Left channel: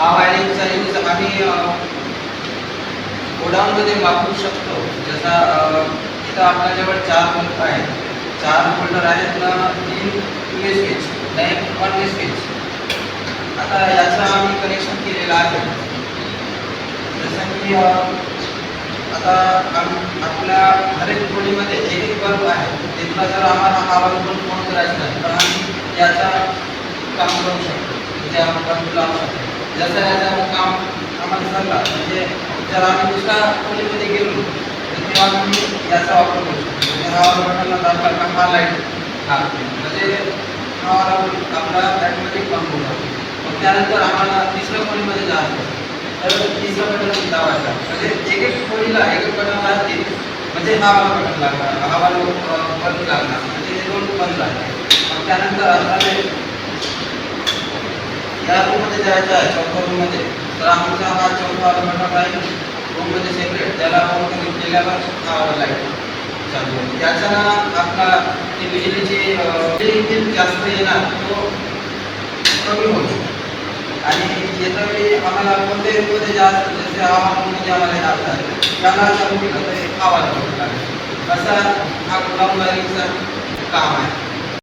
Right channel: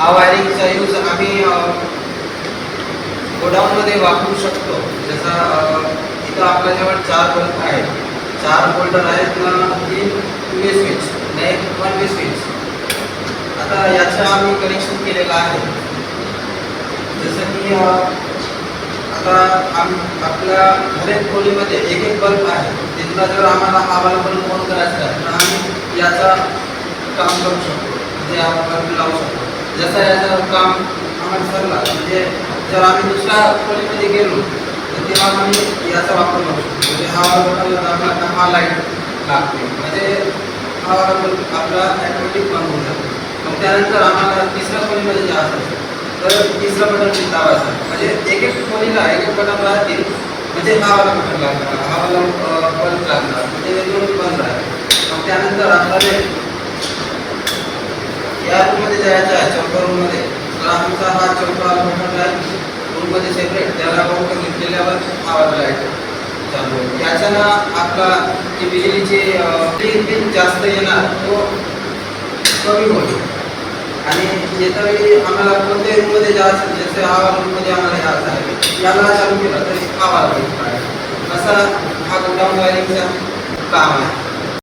हा वायरिंगचा यूज आम्ही गोडाऊनमध्ये वापरू शकतो. जसा इथं आपल्याजवळ 4 बल्ब आहेत, 4 होल्डर आहेत ना, 3 वे स्विच नाही 1 वे स्विच. आता याचं आम्ही कनेक्शन केलेलं आहे. जसं की आता आपल्या हरेक खोलीमध्ये एक एक बल्ब आहे. तिथला जर आम्हाला हा बल्ब बंद करायचा आहे तर आम्ही याचा काम करू शकतो, म्हणजे आपण बल्ब लावू शकतो. जसं याचं काम आम्हाला झाला म्हणजे जर आम्ही दुसऱ्या खोलीमध्ये गेलो तर तेव्हा आम्ही याचा वापर करू शकतो. म्हणजे हा बटनला दाबला का हा लाईट लागते, म्हणजे हा बल्ब आपला ॲटोमॅटिक बंद होऊन जातो. मग त्यानंतर आम्हाला तिसऱ्या खोलीमध्ये जायचं असेल तर तिसरं बटन दाबायचं. म्हणजे एक एक खोलीला एक एक बटन राहते, म्हणजे हा वाला बटन लागणार, हा वाला बंद लागणार, म्हणजे हे दोन बंद राहते. मग त्यानंतर आपल्याला या रूममध्ये जायचं आहे, चौथ्या रूममध्ये, तर आमचा हा चौथा बटन आहे रूममध्ये सेपरेट, त्याला ऑन घेतलेल्यावर हा वाला लाईट चालू होईल. त्याच्यानं आपला जे बिजलीचे बिल जास्त येणार तो कमी होईल. आणि येतावेळी आम्हाला कोणत्याही रूममध्ये जायचं, जसे हा रूममध्ये आम्हाला जायचं आहे, याला चालू केलं तर हा वाला लागेल. असा हा गोडाऊन वायरिंगचा काम आहे.